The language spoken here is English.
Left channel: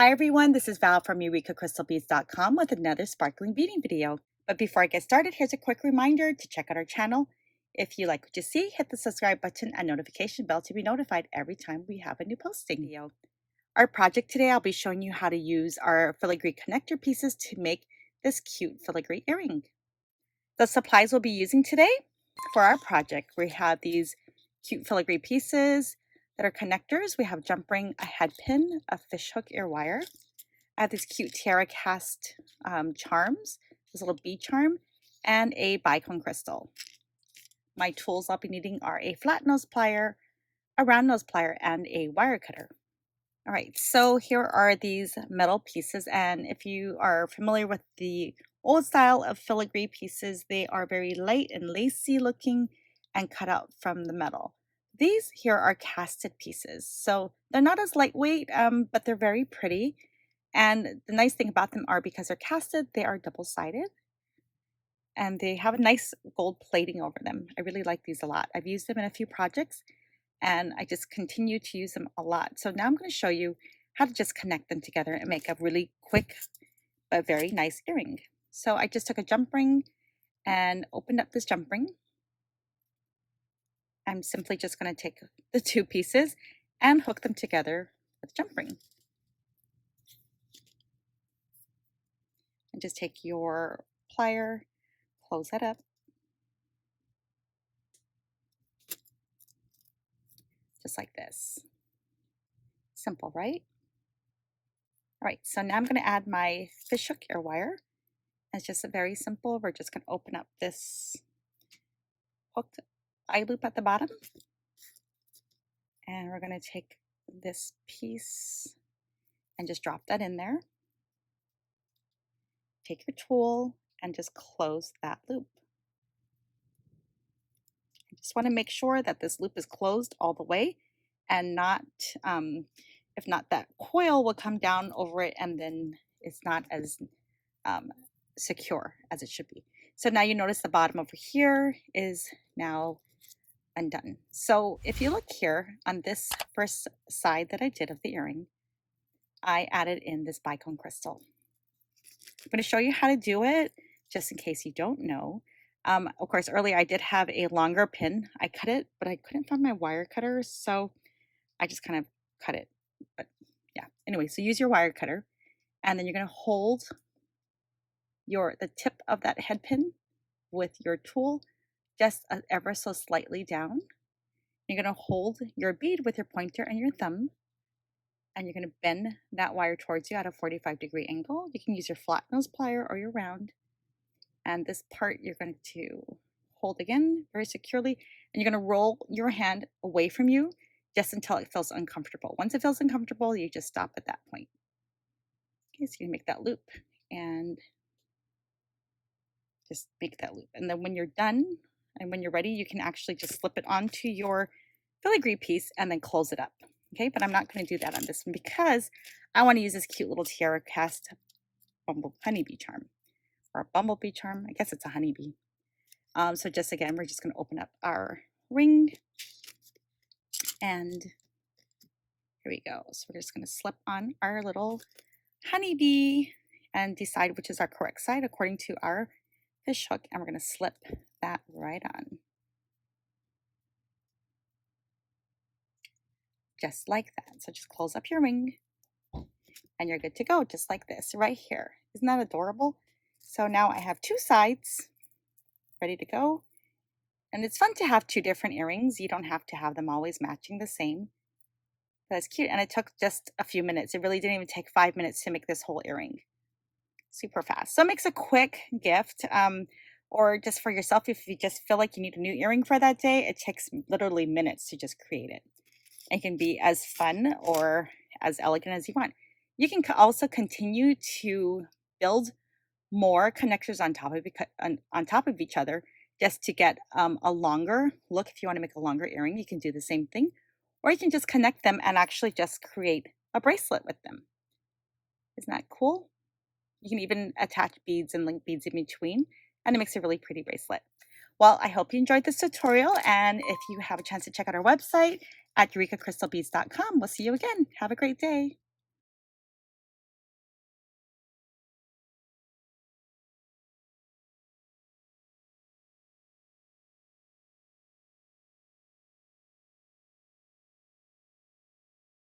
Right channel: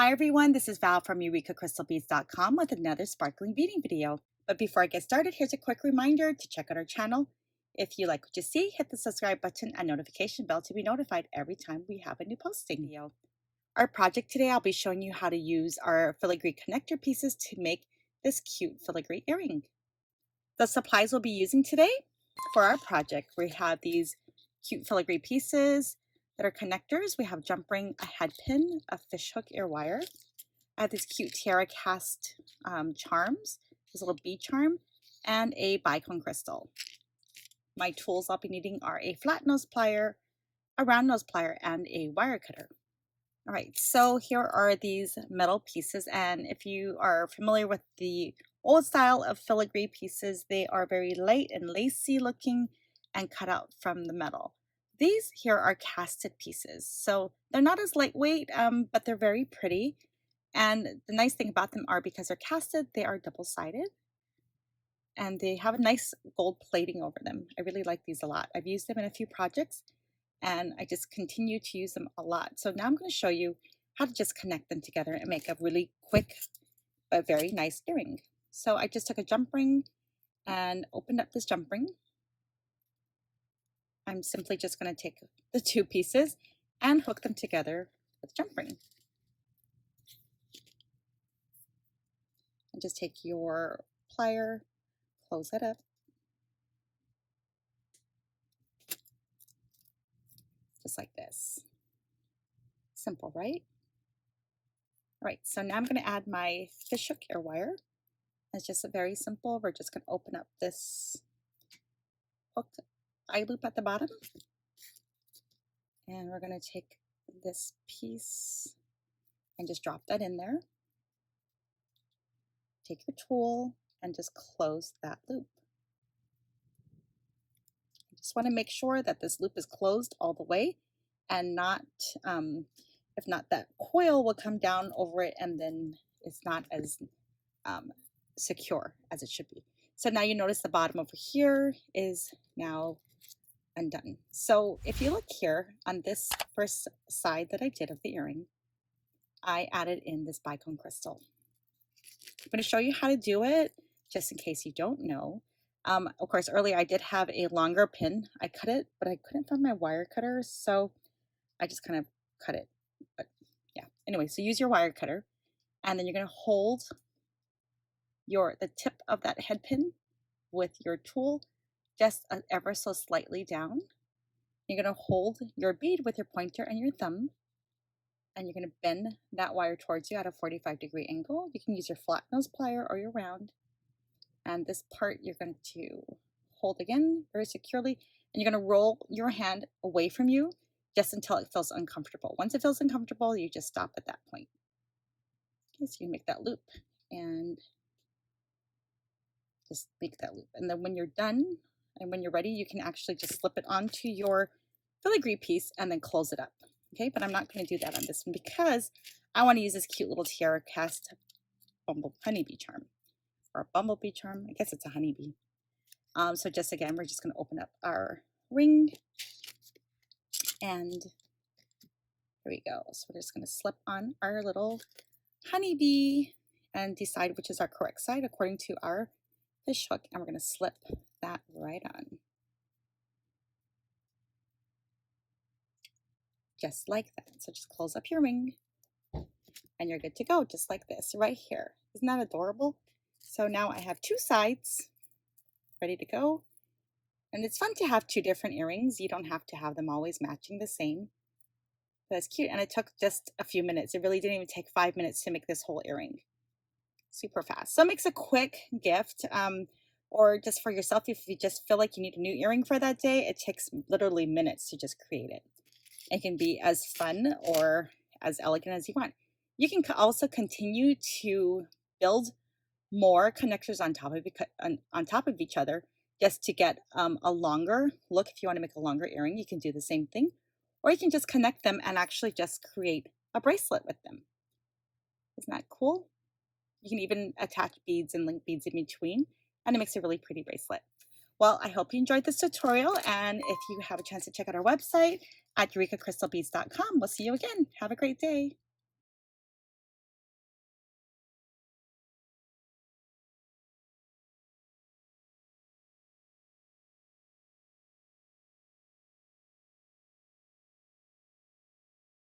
Hi everyone, this is Val from EurekaCrystalBeads.com with another sparkling beading video. But before I get started, here's a quick reminder to check out our channel. If you like what you see, hit the subscribe button and notification bell to be notified every time we have a new posting video. Our project today, I'll be showing you how to use our filigree connector pieces to make this cute filigree earring. The supplies we'll be using today for our project, we have these cute filigree pieces that are connectors. We have jump ring, a head pin, a fishhook ear wire. I have these cute tiara cast charms, this little bead charm, and a bicone crystal. My tools I'll be needing are a flat nose plier, a round nose plier, and a wire cutter. All right, so here are these metal pieces, and if you are familiar with the old style of filigree pieces, they are very light and lacy looking and cut out from the metal. These here are casted pieces, so they're not as lightweight, but they're very pretty. And the nice thing about them are because they're casted, they are double-sided and they have a nice gold plating over them. I really like these a lot. I've used them in a few projects and I just continue to use them a lot. So now I'm going to show you how to just connect them together and make a really quick but very nice earring. So I just took a jump ring and opened up this jump ring. I'm simply just going to take the two pieces and hook them together with jump ring. And just take your plier, close it up. Just like this. Simple, right? All right, so now I'm going to add my fishhook ear wire. It's just very simple. We're just going to open up this hooked eye loop at the bottom. And we're going to take this piece and just drop that in there. Take your tool and just close that loop. I just want to make sure that this loop is closed all the way and not, if not, that coil will come down over it and then it's not as secure as it should be. So now you notice the bottom over here is now undone. So if you look here on this first side that I did of the earring, I added in this bicone crystal. I'm going to show you how to do it just in case you don't know. Of course, earlier I did have a longer pin. I cut it, but I couldn't find my wire cutter, so I just kind of cut it. But yeah, anyway, so use your wire cutter, and then you're going to hold the tip of that head pin with your tool just ever so slightly down. You're going to hold your bead with your pointer and your thumb, and you're going to bend that wire towards you at a 45-degree angle. You can use your flat nose plier or your round. And this part you're going to hold again very securely, and you're going to roll your hand away from you just until it feels uncomfortable. Once it feels uncomfortable, you just stop at that point. Okay, so you make that loop and just make that loop. And then when you're done and when you're ready, you can actually just slip it onto your filigree piece and then close it up. Okay, but I'm not going to do that on this one because I want to use this cute little tiara cast honeybee charm. Or a bumblebee charm. I guess it's a honeybee. So just again, we're just going to open up our ring. And here we go. So we're just going to slip on our little honeybee and decide which is our correct side according to our fish hook. And we're going to slip that right on. Just like that. So just close up your ring. And you're good to go, just like this, right here. Isn't that adorable? So now I have two sides ready to go. And it's fun to have two different earrings. You don't have to have them always matching the same. But it's cute. And it took just a few minutes. It really didn't even take 5 minutes to make this whole earring. Super fast. So it makes a quick gift or just for yourself. If you just feel like you need a new earring for that day, it takes literally minutes to just create it. It can be as fun or as elegant as you want. You can also continue to build more connectors on top of each other just to get a longer look. If you want to make a longer earring, you can do the same thing, or you can just connect them and actually just create a bracelet with them. Isn't that cool? You can even attach beads and link beads in between, and it makes a really pretty bracelet. Well, I hope you enjoyed this tutorial, and if you have a chance to check out our website at EurekaCrystalBeads.com, we'll see you again. Have a great day.